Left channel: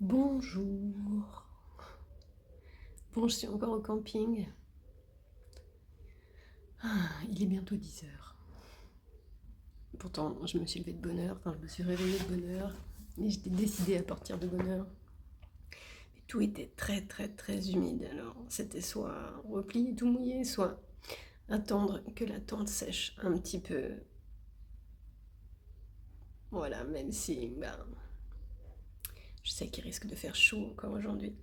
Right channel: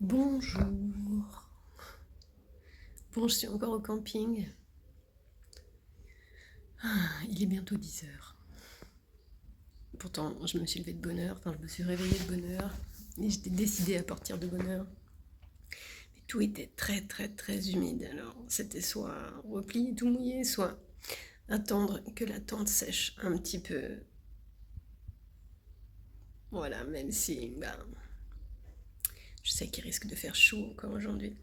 Bonjour. Bon, je suis encore au camping. Il est bientôt 10 heures. Pourtant, je me suis levée de bonne heure, enfin, je me suis réveillée de bonne heure. Et j'étais décidée à partir de bonne heure. Mais tout était très, très, très humide. Alors, c'était soit replier tout mouillé, soit attendre que la tente sèche un petit peu. Voilà, même si, je sais qu'il risque de faire chaud encore aujourd'hui.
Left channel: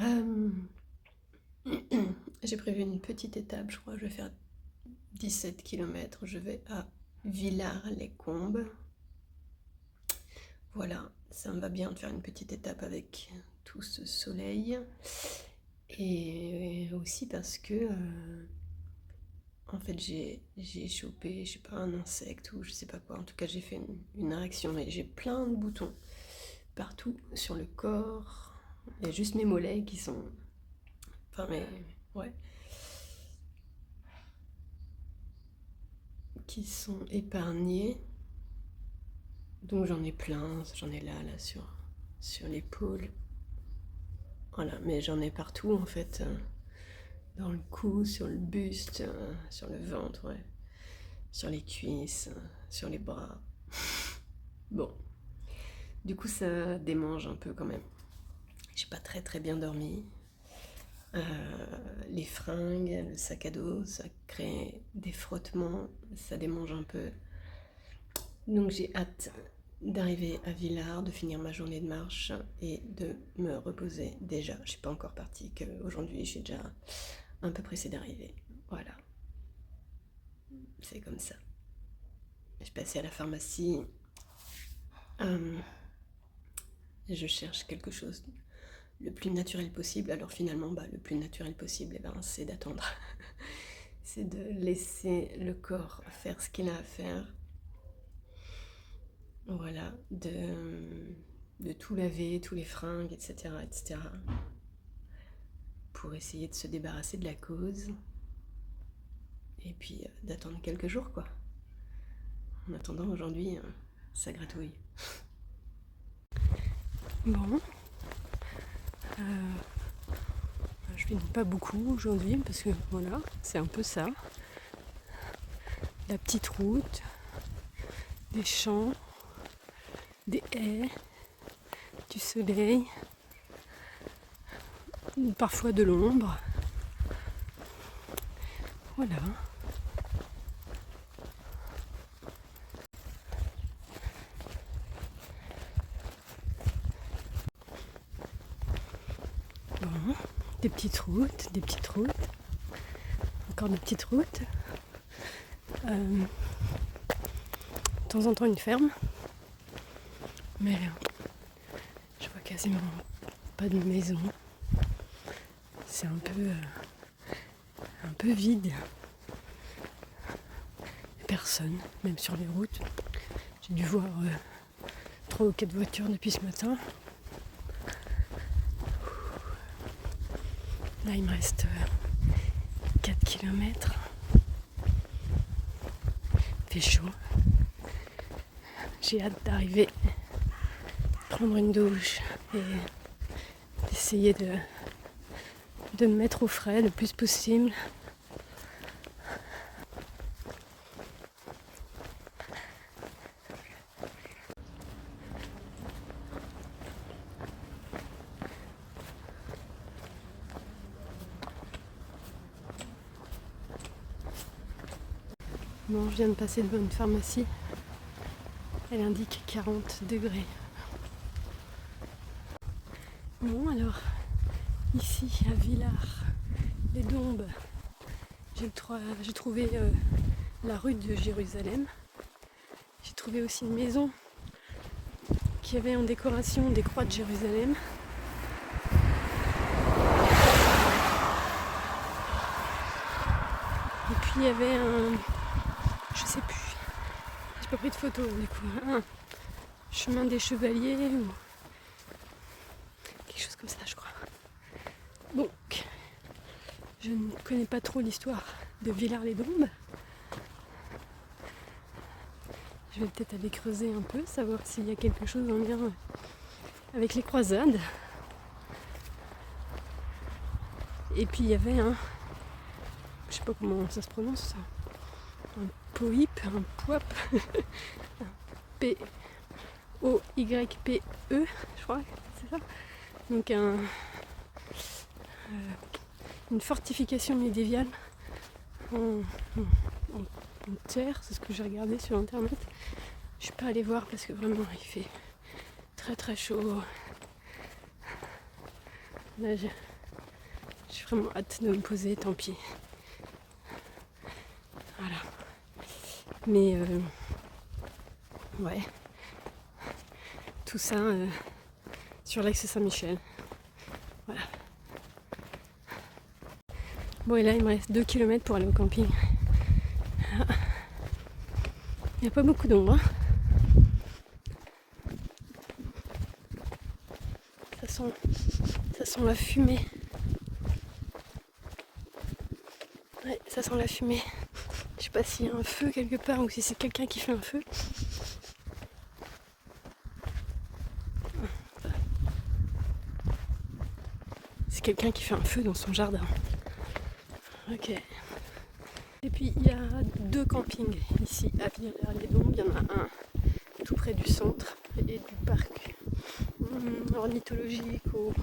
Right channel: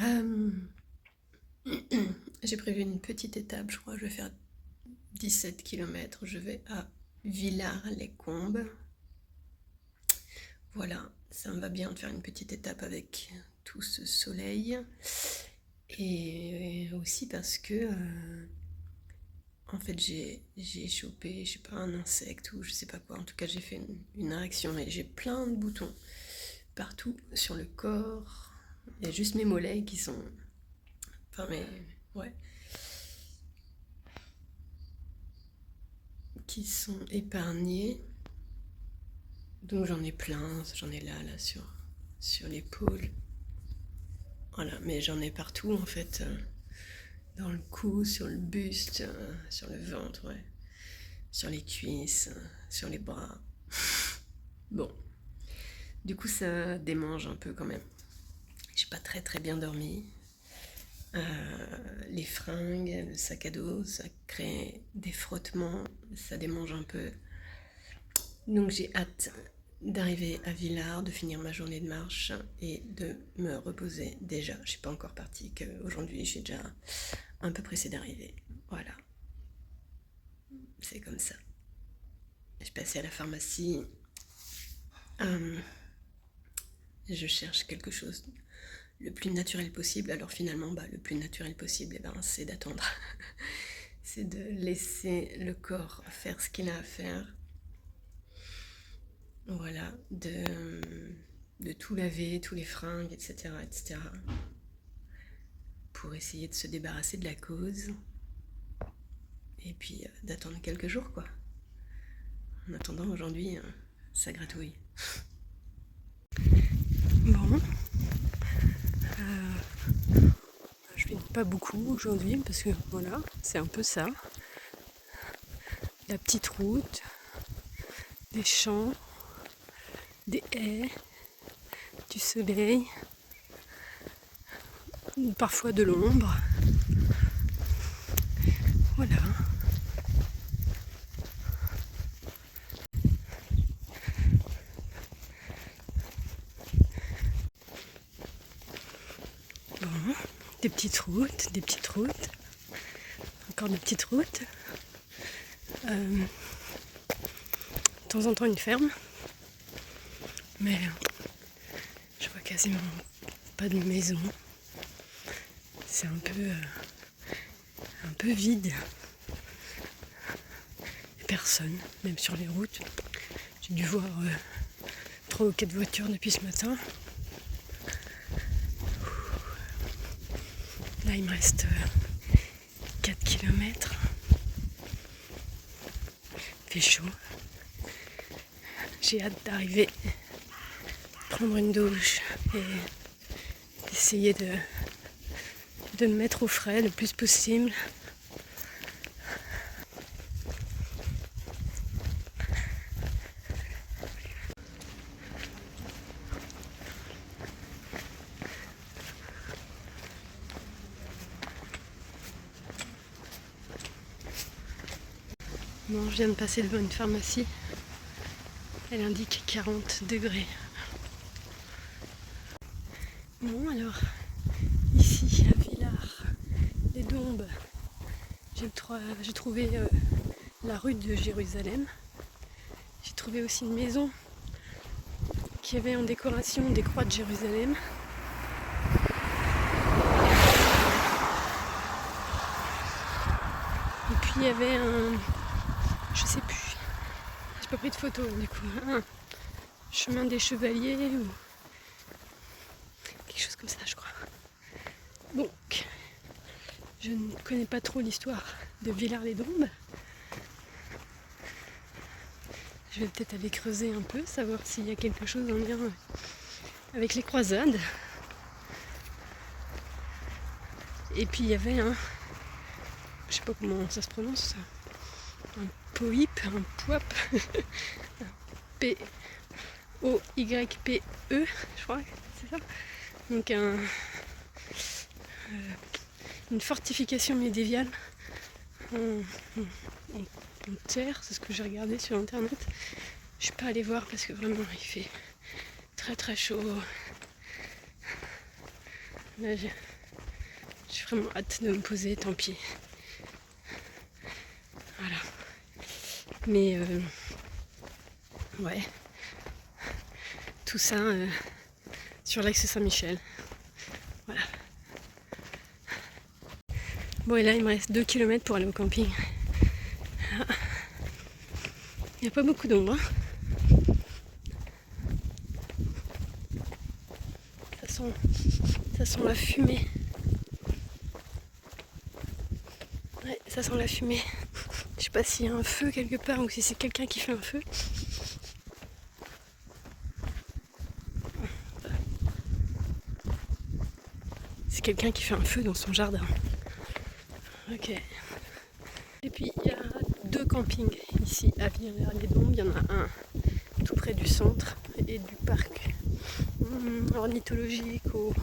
Euh, J'ai prévu une petite étape, je crois que je vais faire 17 km. Je vais à Villars-les-Combes. Voilà, ça me va bien de faire une petite étape avec tout ce soleil. Et aussi parce que, en fait, j'ai chopé, je sais pas, un insecte ou je sais pas quoi. En tout cas, j'ai fait une réaction et j'ai plein de boutons partout sur le corps. Il y a juste mes mollets qui sont. Enfin, ouais. Qui sont épargnés. Donc j'en ai plein, j'en ai là sur l'épaule. Voilà, mais j'en ai partout en fait. Dans le cou, sur le buste, sur le ventre, ouais. Sur les cuisses, sur les bras. Bon, du coup ça démange un peu quand même. J'ai pas très très bien dormi. Les fringues, le sac à dos, ça crée des frottements, ça démange un peu. Donc j'ai hâte d'arriver à Villars, de finir ma journée de marche et de me reposer déjà. Je suis pas encore partie, qu'aujourd'hui je suis déjà un peu pressée d'arriver. Voilà, c'est comme ça. Je suis passée à la pharmacie. Je cherche quelque chose le plus naturel possible. Alors finalement, le plus naturel possible, c'est d'attendre. C'est de laisser le corps faire ce qu'il a à faire. Voilà, de tout laver, tous les fringues, etc., etc. Pour essayer de se débarrasser de la cause. Et puis d'attendre quelques jours, quoi. En attendant, aujourd'hui, ça gratouille. Bon. Je finis pas beaucoup aujourd'hui parce que voilà, c'est un peu ça. La petite route, des champs, des haies, du soleil, ou parfois de l'ombre. Voilà. Bon, des petites routes, encore des petites routes. De temps en temps une ferme, mais je vois quasiment pas de maison. C'est un peu vide. Personne, même sur les routes. J'ai dû voir 3 ou 4 voitures depuis ce matin. Là, il me reste 4 km. Il fait chaud. J'ai hâte d'arriver, prendre une douche et essayer de me mettre au frais le plus possible. Bon, je viens de passer devant une pharmacie. Elle indique 40 degrés. Bon, alors, ici à Villars, les Dombes, j'ai trouvé la rue de Jérusalem. J'ai trouvé aussi une maison qui avait en décoration des croix de Jérusalem. Et puis il y avait je sais plus, j'ai pas pris de photo du coup, un chemin des chevaliers ou quelque chose comme ça je crois. Donc, je ne connais pas trop l'histoire de Villars-les-Dombes. Je vais peut-être aller creuser un peu, savoir s'il y a quelque chose en lien avec les croisades. Et puis il y avait un, je sais pas comment ça se prononce ça, un poip, un poip, P-O-Y-P-E, je crois, c'est ça. Donc une fortification médiévale en terre, c'est ce que j'ai regardé sur internet. Je suis pas allée voir parce que vraiment il fait très très chaud. Là j'ai vraiment hâte de me poser, tant pis. Voilà. Mais ouais, tout ça sur l'axe Saint-Michel. Voilà. Bon, et là il me reste 2 km pour aller au camping. Il n'y a pas beaucoup d'ombre. Hein. Ça sent la fumée. Ouais, ça sent la fumée. Je sais pas s'il y a un feu quelque part ou si c'est quelqu'un qui fait un feu. C'est quelqu'un qui fait un feu dans son jardin. Ok. Et puis il y a 2 campings ici à Villers-les-Dombes. Il y en a un tout près du centre et du parc ornithologique ou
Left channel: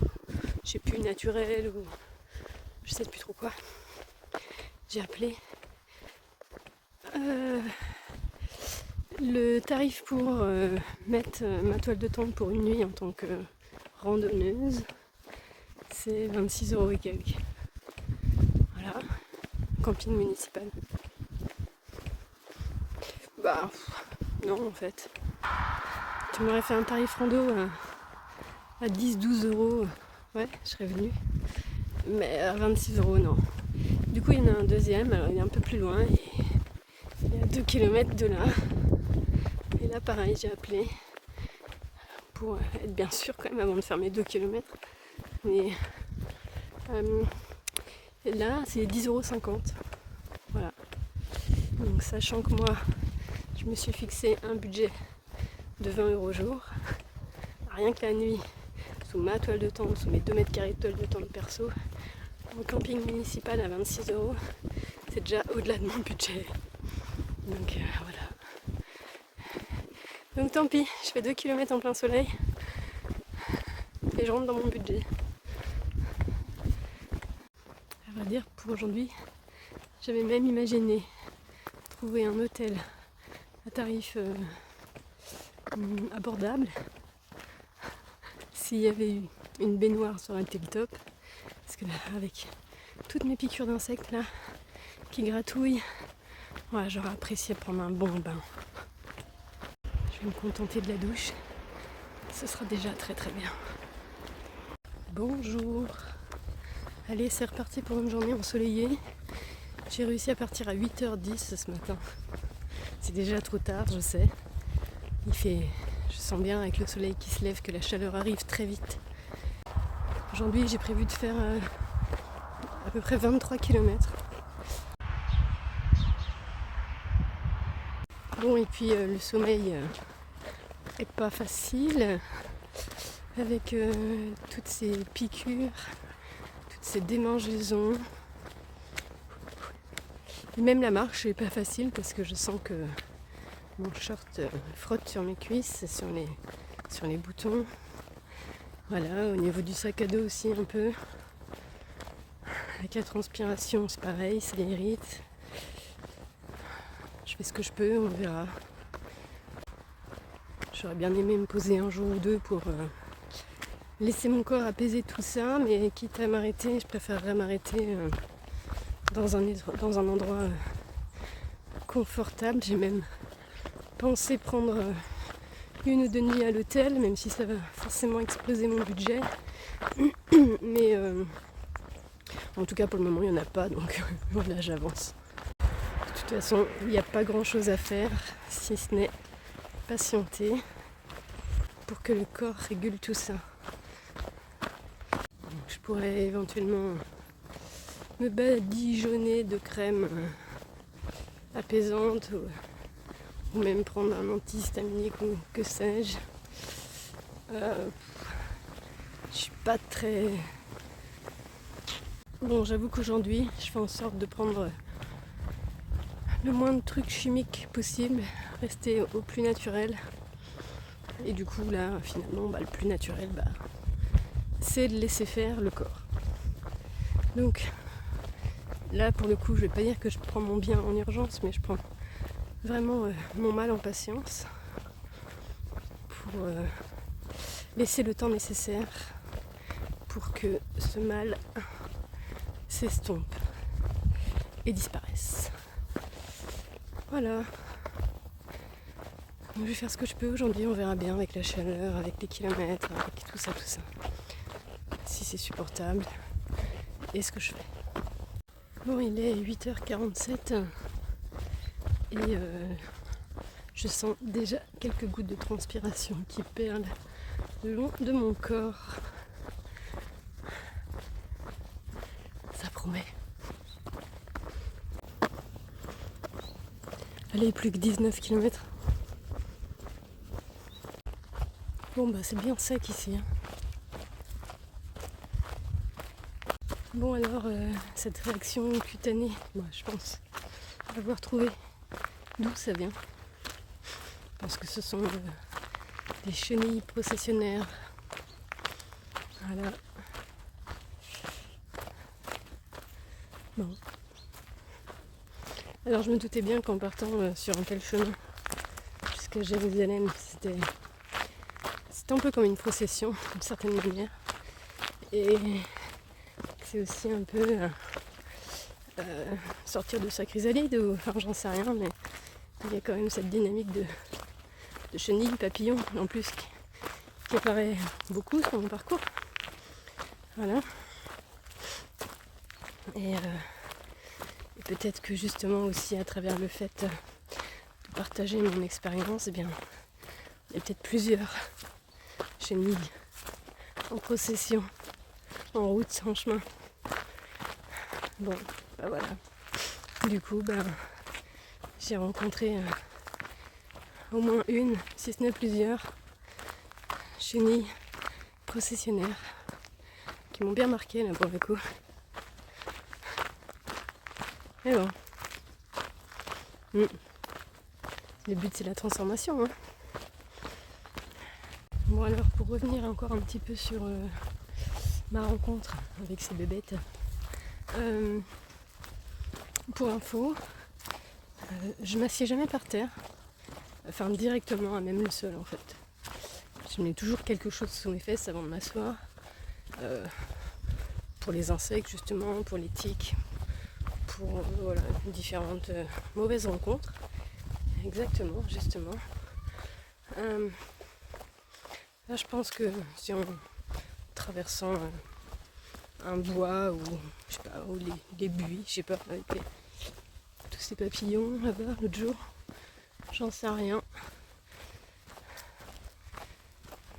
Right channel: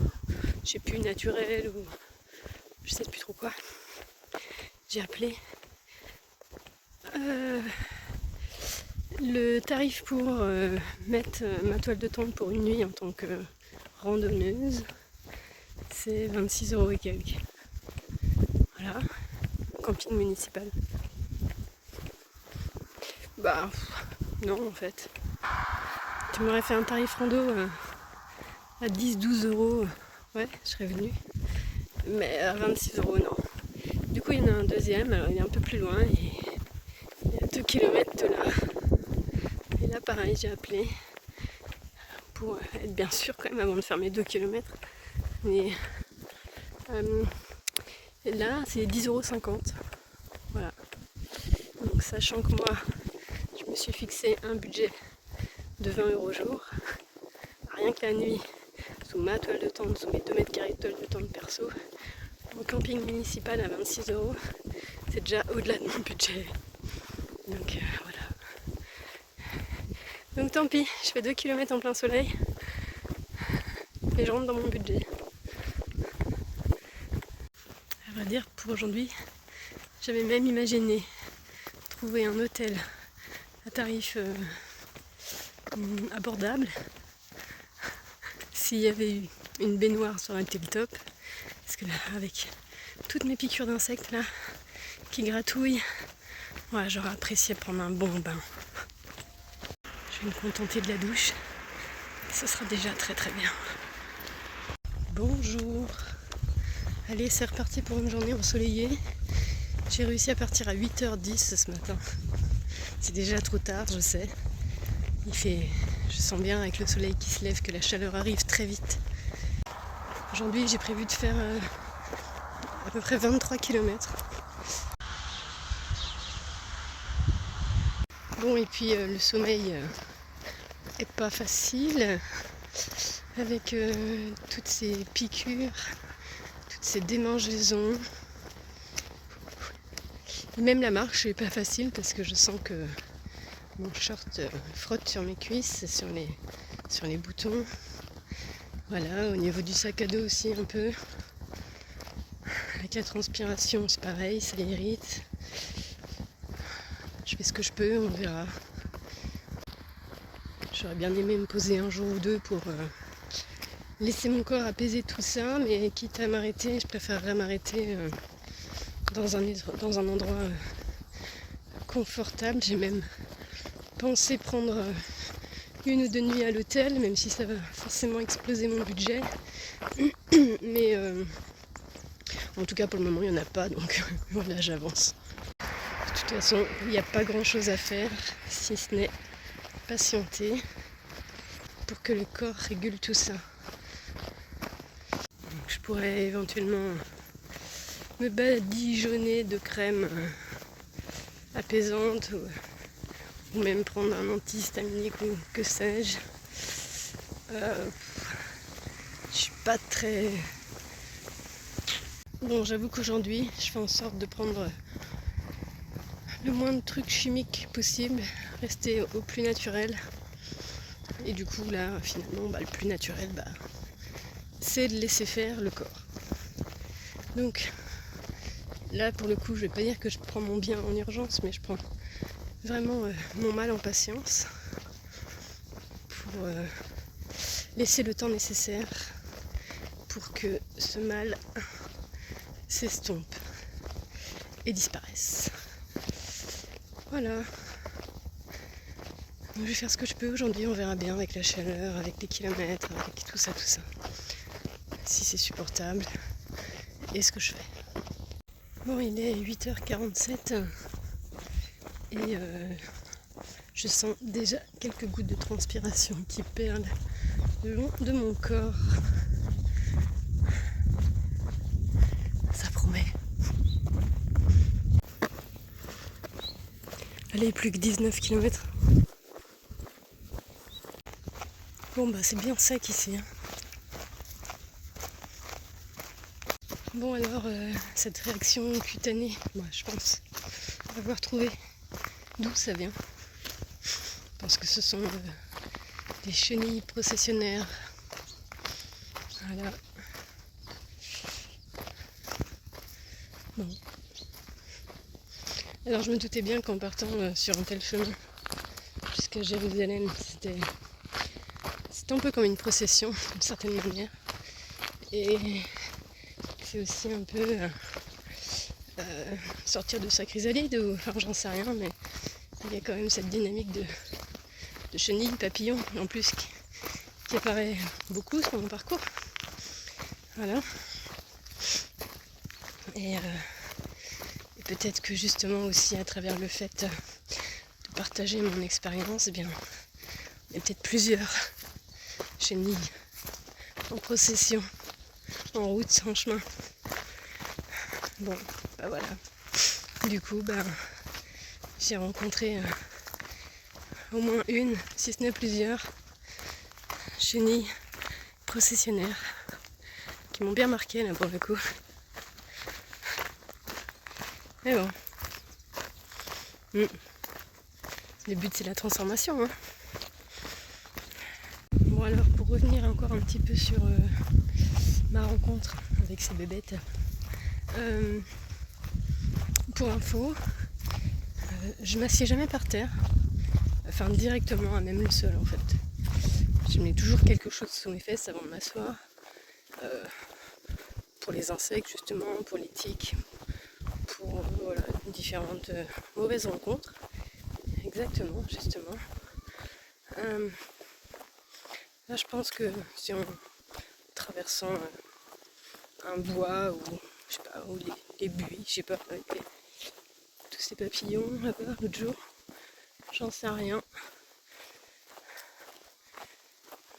je sais plus naturel ou je sais plus trop quoi. J'ai appelé. Le tarif pour mettre ma toile de tente pour une nuit en tant que randonneuse, c'est 26 € et quelques. Voilà, camping municipal. Bah, non en fait. Tu m'aurais fait un tarif rando à 10-12 €, ouais, je serais venue. Mais à 26 € non. Du coup, il y en a un deuxième, alors il est un peu plus loin, il est à 2 km de là. Et là, pareil, j'ai appelé pour être bien sûr quand même avant de faire mes 2 km. Mais là, c'est 10,50 €. Voilà. Donc, sachant que moi, je me suis fixé un budget de 20 € jour, rien que la nuit, sous ma toile de tente, sous mes 2 mètres carrés de toile de tente perso, en camping municipal à 26 €, c'est déjà au-delà de mon budget. Donc voilà. Donc tant pis, je fais 2 km en plein soleil et je rentre dans mon budget. À vrai dire, pour aujourd'hui, j'avais même imaginé trouver un hôtel à tarif abordable s'il y avait eu une baignoire, ça aurait été le top. Parce que là, avec toutes mes piqûres d'insectes là qui gratouillent, voilà, j'aurais apprécié prendre un bon bain. Je vais me contenter de la douche. Ce sera déjà très très bien. Bonjour. Allez, c'est reparti pour une journée ensoleillée. J'ai réussi à partir à 8h10 ce matin. C'est déjà trop tard, je sais. Je sens bien avec le soleil qui se lève que la chaleur arrive très vite. Aujourd'hui, j'ai prévu de faire à peu près 23 km. Bon, et puis le sommeil est pas facile avec toutes ces piqûres, toutes ces démangeaisons. Et même la marche n'est pas facile parce que je sens que mon short frotte sur mes cuisses, sur les boutons. Voilà, au niveau du sac à dos aussi un peu. Avec la transpiration, c'est pareil, ça irrite. Je fais ce que je peux, on verra. J'aurais bien aimé me poser un jour ou deux pour laisser mon corps apaiser tout ça, mais quitte à m'arrêter, je préférerais m'arrêter dans un endroit confortable. J'ai même pensé prendre 1 ou 2 nuits à l'hôtel, même si ça va forcément exploser mon budget. Mais en tout cas pour le moment il n'y en a pas, donc voilà, j'avance. De toute façon, il n'y a pas grand chose à faire, si ce n'est patienter pour que le corps régule tout ça. Donc, je pourrais éventuellement me badigeonner de crème apaisante ou même prendre un antihistaminique ou que sais-je. Je suis pas très... Bon, j'avoue qu'aujourd'hui, je fais en sorte de prendre le moins de trucs chimiques possible, rester au plus naturel. Et du coup, là, finalement, le plus naturel, c'est de laisser faire le corps. Donc, là, pour le coup, je vais pas dire que je prends mon bien en urgence, mais je prends vraiment mon mal en patience pour laisser le temps nécessaire pour que ce mal s'estompe et disparaisse. Voilà. Donc, je vais faire ce que je peux aujourd'hui, on verra bien avec la chaleur, avec les kilomètres, avec tout ça. Si c'est supportable et ce que je fais. Bon, il est 8h47 et je sens déjà quelques gouttes de transpiration qui perlent le long de mon corps. Ça promet. Allez, plus que 19 km. Bon, c'est bien sec ici. Bon, alors, cette réaction cutanée, je pense avoir trouvé d'où ça vient. Je pense que ce sont des chenilles processionnaires. Voilà. Bon. Alors, je me doutais bien qu'en partant sur un tel chemin jusqu'à Jérusalem, c'était un peu comme une procession, d'une certaine manière. Et c'est aussi un peu sortir de sa chrysalide, ou enfin j'en sais rien, mais il y a quand même cette dynamique de chenilles, papillons, en plus qui apparaît beaucoup sur mon parcours. Voilà. Et peut-être que justement aussi à travers le fait de partager mon expérience, il y a peut-être plusieurs chenilles en procession, en route, en chemin. Bon, voilà. Du coup, j'ai rencontré au moins une, si ce n'est plusieurs, chenilles processionnaires qui m'ont bien marqué là pour le coup. Mais bon. Le but c'est la transformation. Bon, alors pour revenir encore un petit peu sur ma rencontre avec ces bébêtes, pour info, je m'assieds jamais par terre, enfin directement à même le sol en fait. Je mets toujours quelque chose sous mes fesses avant de m'asseoir, pour les insectes justement, pour les tiques, pour différentes mauvaises rencontres. Exactement, justement. Là, je pense que si en traversant un bois ou je sais pas, ou les buis, je sais pas, avec tous ces papillons là-bas l'autre jour, j'en sais rien.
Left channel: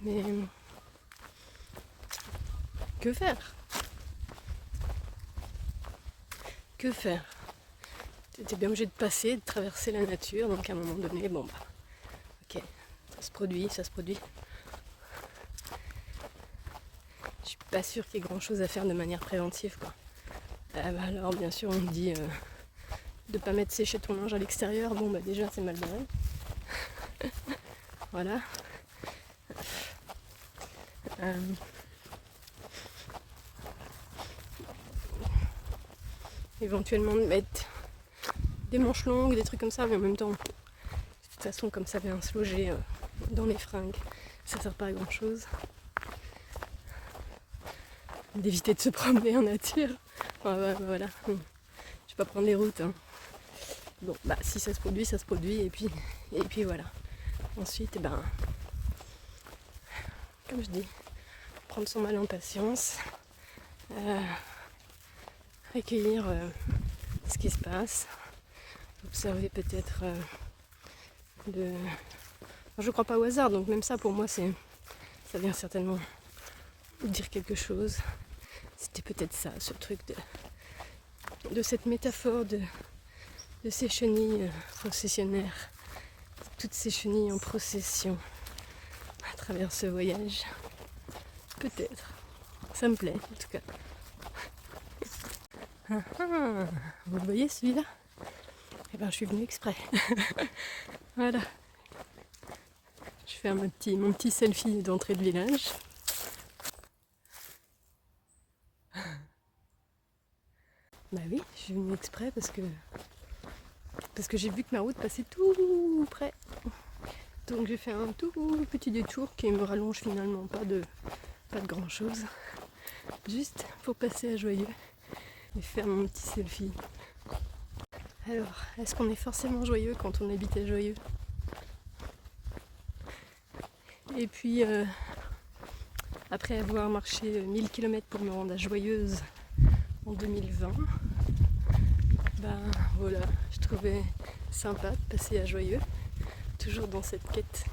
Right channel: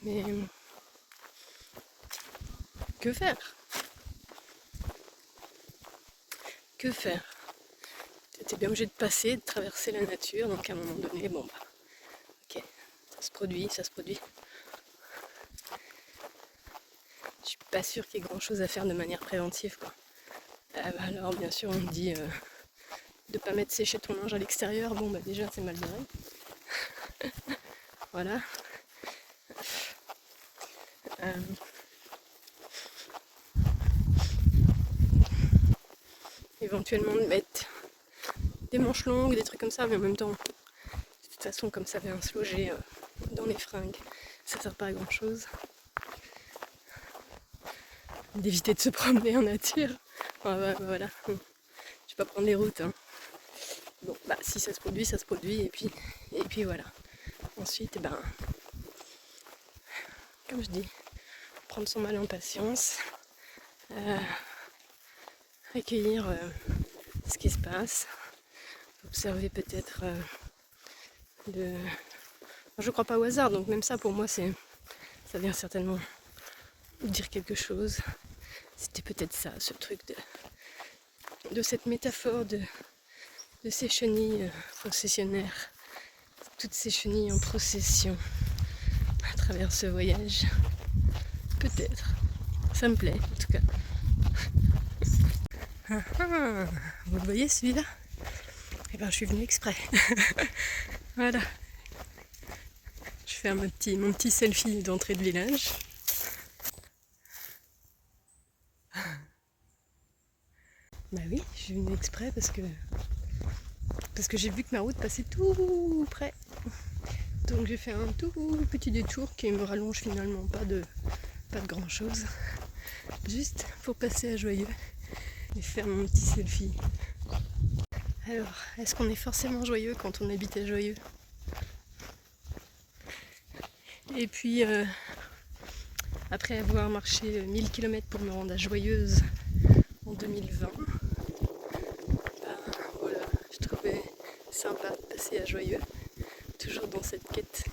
Mais que faire? Que faire? T'es bien obligé de passer, de traverser la nature, donc à un moment donné, ok, ça se produit. Je suis pas sûre qu'il y ait grand chose à faire de manière préventive, quoi. Alors bien sûr on me dit de pas mettre sécher ton linge à l'extérieur, déjà c'est mal barré. Voilà. Éventuellement de mettre des manches longues, des trucs comme ça, mais en même temps, de toute façon comme ça vient se loger dans les fringues, ça sert pas à grand chose. D'éviter de se promener en nature. Voilà. Je vais pas prendre les routes. Bon, si ça se produit, et puis voilà. Ensuite, comme je dis, prendre son mal en patience, accueillir ce qui se passe, observer peut-être je crois pas au hasard, donc même ça pour moi ça vient certainement dire quelque chose. C'était peut-être ça, ce truc de cette métaphore de ces chenilles processionnaires, toutes ces chenilles en procession à travers ce voyage. Peut-être. Ça me plaît en tout cas. Vous le voyez celui-là? Eh ben je suis venue exprès. Voilà. Je fais mon petit selfie d'entrée de village. Bah oui, je suis venue exprès parce que j'ai vu que ma route passait tout près. Donc j'ai fait un tout petit détour qui me rallonge finalement pas de grand chose. Juste pour passer à Joyeux et faire mon petit selfie. Alors, est-ce qu'on est forcément joyeux quand on habite à Joyeux? Et puis, après avoir marché 1000 km pour me rendre à Joyeuse en 2020, ben voilà, je trouvais sympa de passer à Joyeux, toujours dans cette quête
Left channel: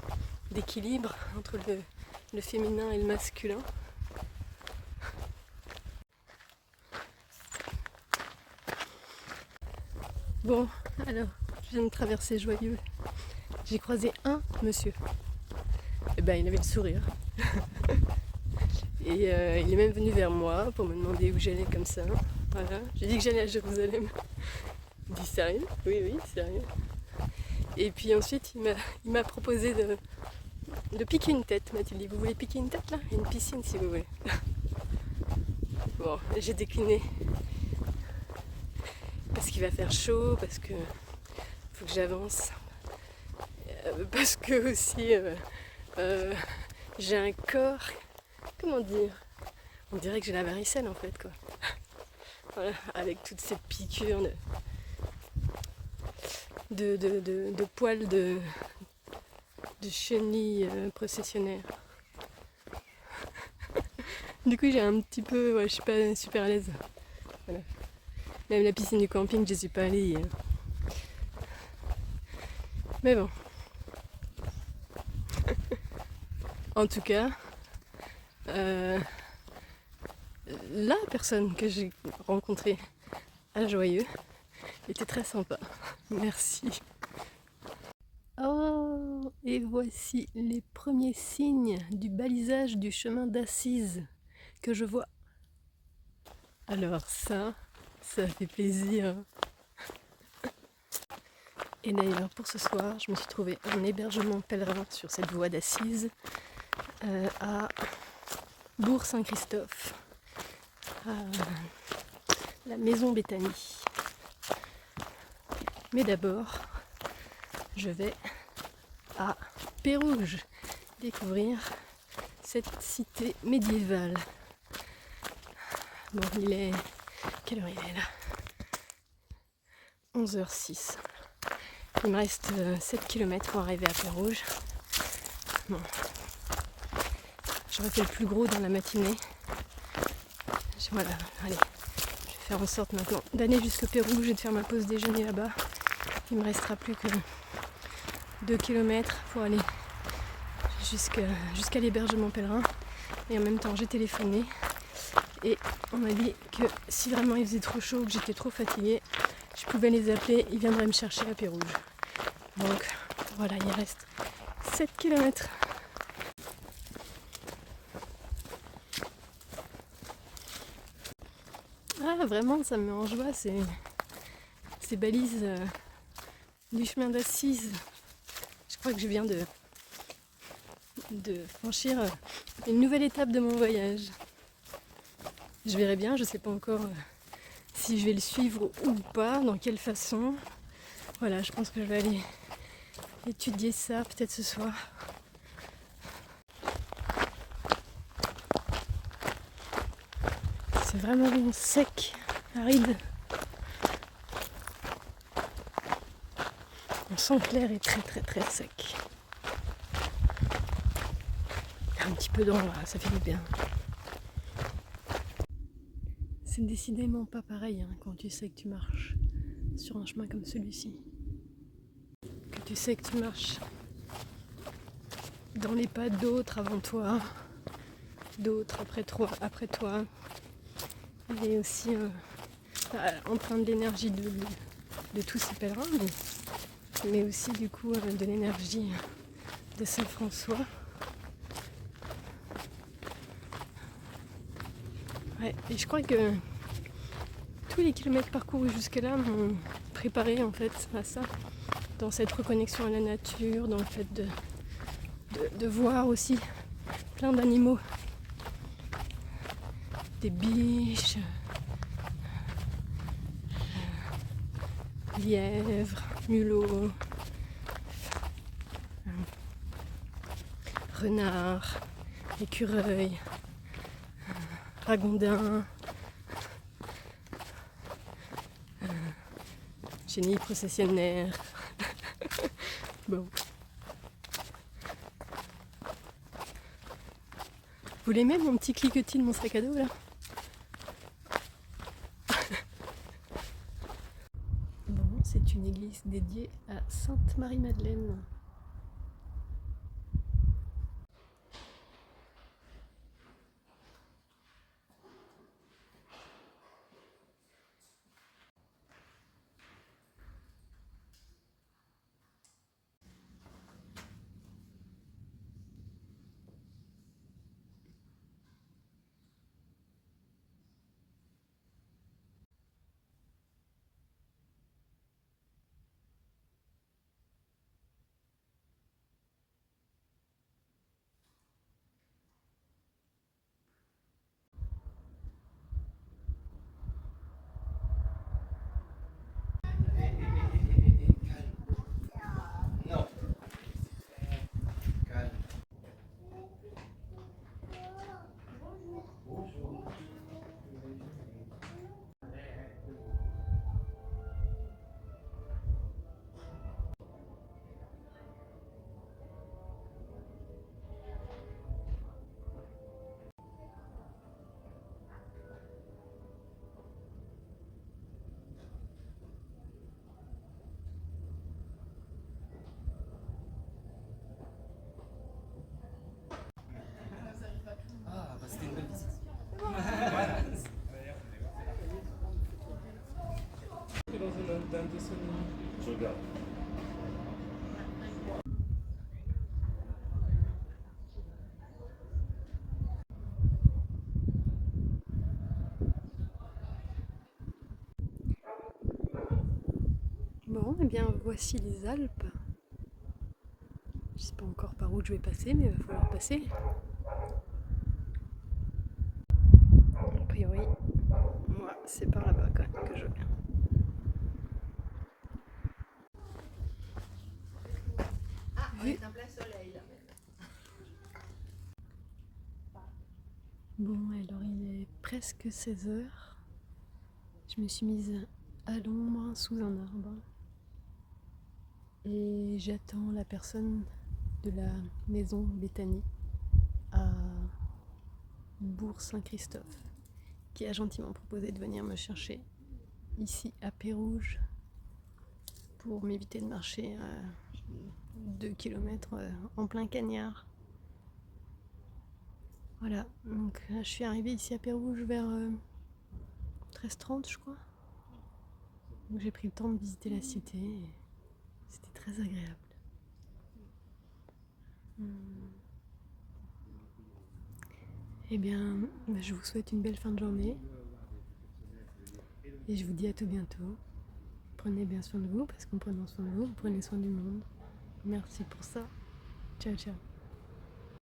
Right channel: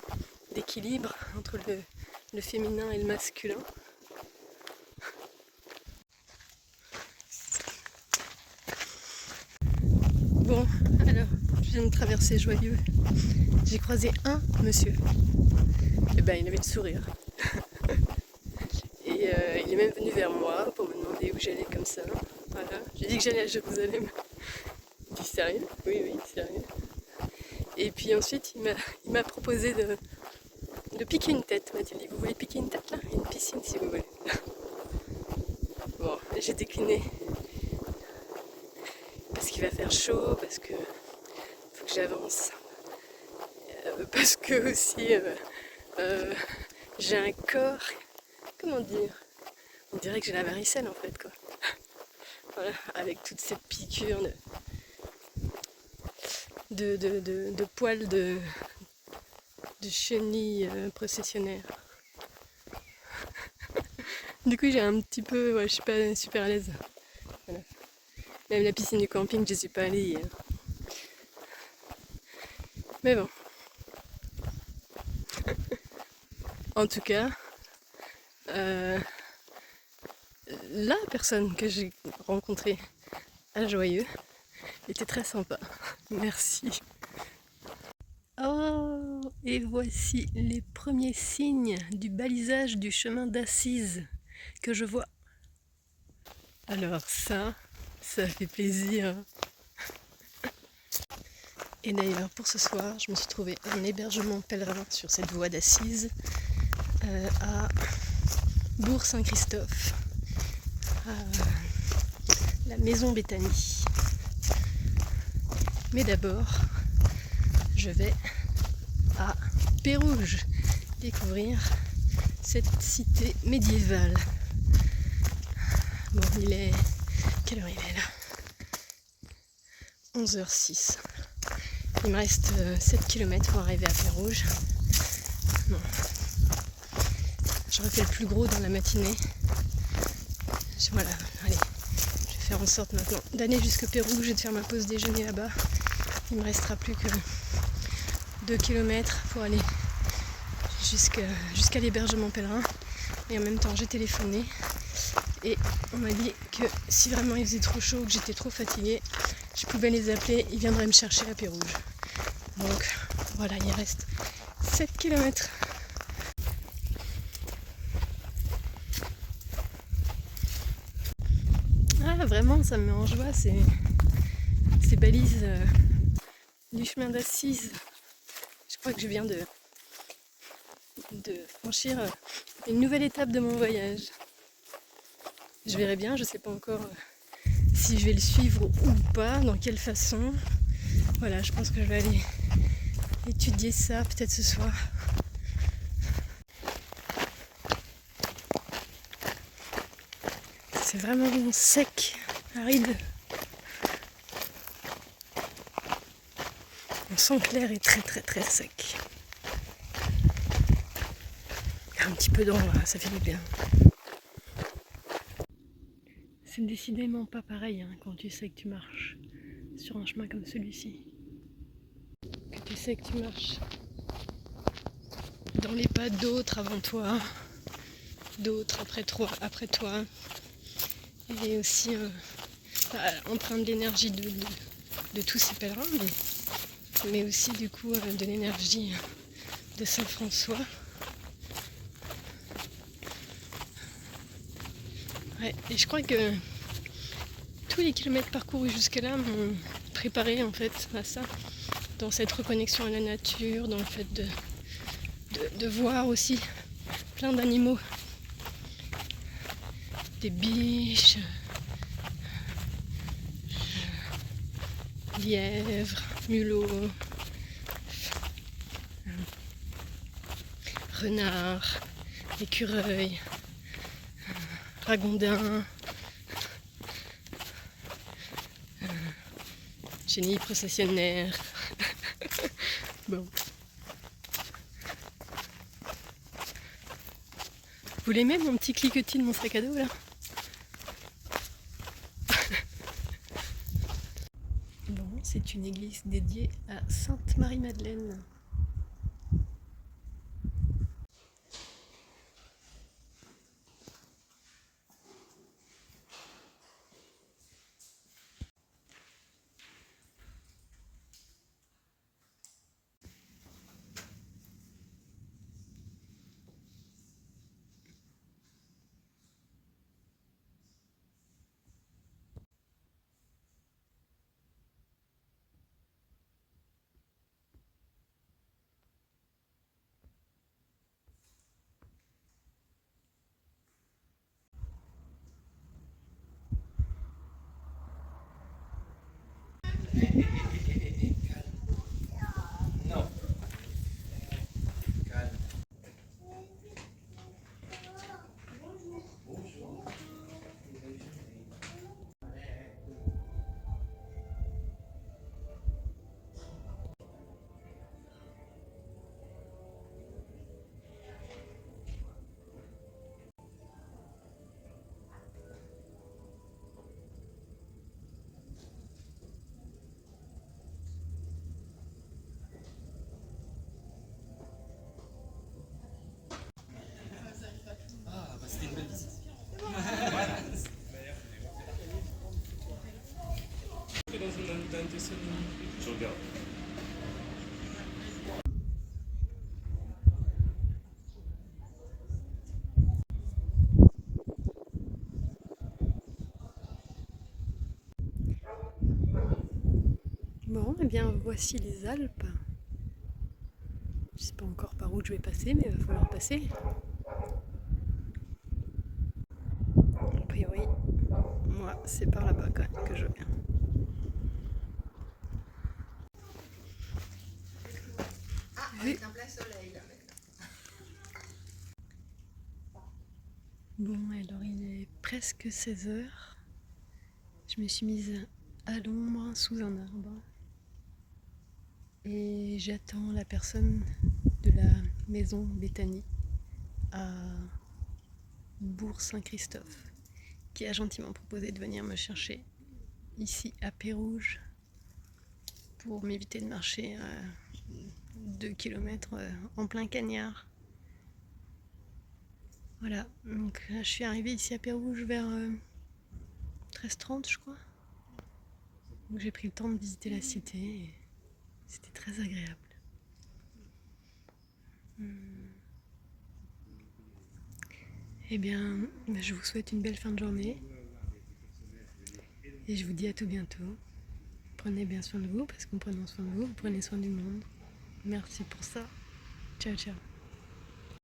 d'équilibre entre le féminin et le masculin. Bon, alors, je viens de traverser Joyeux. J'ai croisé un monsieur. Et ben, il avait le sourire. Et il est même venu vers moi pour me demander où j'allais comme ça. Voilà. J'ai dit que j'allais à Jérusalem. Il dit sérieux? Oui, sérieux. Et puis ensuite, il m'a proposé de piquer une tête. M'a-t-il dit, vous voulez piquer une tête là? Une piscine si vous voulez. Bon, j'ai décliné. Parce qu'il va faire chaud, parce que faut que j'avance. Parce que aussi j'ai un corps, comment dire, on dirait que j'ai la varicelle en fait quoi. Voilà, avec toute cette piqûre de poils de chenilles processionnaires. Du coup j'ai un petit peu, ouais, je suis pas super à l'aise. Voilà. Même la piscine du camping je suis pas allée hier. Mais bon. En tout cas, la personne que j'ai rencontrée à Joyeux était très sympa. Merci. Oh, et voici les premiers signes du balisage du chemin d'Assise que je vois. Alors ça fait plaisir. Et d'ailleurs pour ce soir, je me suis trouvé un hébergement pèlerin sur cette voie d'Assise à Bourg-Saint-Christophe, à la maison Béthanie. Mais d'abord, je vais à Pérouges découvrir cette cité médiévale. Bon, quelle heure il est là? 11h06. Il me reste 7 km pour arriver à Pérouges. Bon. J'aurais fait le plus gros dans la matinée. Voilà, allez. Je vais faire en sorte maintenant d'aller jusqu'à Pérouges et de faire ma pause déjeuner là-bas. Il me restera plus que 2 km pour aller jusqu'à l'hébergement pèlerin. Et en même temps, j'ai téléphoné. Et on m'a dit que si vraiment il faisait trop chaud ou que j'étais trop fatiguée, je pouvais les appeler, ils viendraient me chercher à Pérouges. Donc voilà, il reste 7 km. Ah vraiment, ça me met en joie ces balises du chemin d'Assise. Je crois que je viens de franchir une nouvelle étape de mon voyage. Je verrai bien, je sais pas encore si je vais le suivre ou pas, dans quelle façon. Voilà, je pense que je vais aller étudier ça peut-être ce soir. C'est vraiment sec, aride. On sent que l'air est très très très sec. Un petit peu d'eau, ça fait du bien. C'est décidément pas pareil hein, quand tu sais que tu marches sur un chemin comme celui-ci. Que tu sais que tu marches dans les pas d'autres avant toi, d'autres après toi. Et aussi empreinte d'énergie de tous ces pèlerins, mais aussi du coup de l'énergie de Saint François. Ouais, et je crois que tous les kilomètres parcourus jusque-là m'ont préparé en fait à ça, dans cette reconnexion à la nature, dans le fait de voir aussi plein d'animaux, des biches, lièvres, mulots, renards, écureuils, ragondins, chenilles processionnaires. Bon. Vous l'aimez mon petit cliquetis de mon sac à dos là? Bon, c'est une église dédiée à Sainte Marie-Madeleine. Je regarde. Bon, et bien voici les Alpes. Je sais pas encore par où je vais passer, mais il va falloir passer. A priori, moi, c'est par là-bas quand même que je viens. Ah, on est en plein soleil là maintenant. Bon, alors il est presque 16h. Je me suis mise à l'ombre sous un arbre. Et j'attends la personne de la maison Béthanie à Bourg-Saint-Christophe qui a gentiment proposé de venir me chercher ici à Pérouges pour m'éviter de marcher 2 km en plein cagnard. Voilà, donc là je suis arrivée ici à Pérouges vers 13h30 je crois. Donc j'ai pris le temps de visiter la cité et c'était très agréable. Eh bien, je vous souhaite une belle fin de journée et je vous dis à tout bientôt. Prenez bien soin de vous parce qu'en prenant soin de vous, vous prenez soin du monde. Merci pour ça. Ciao, ciao.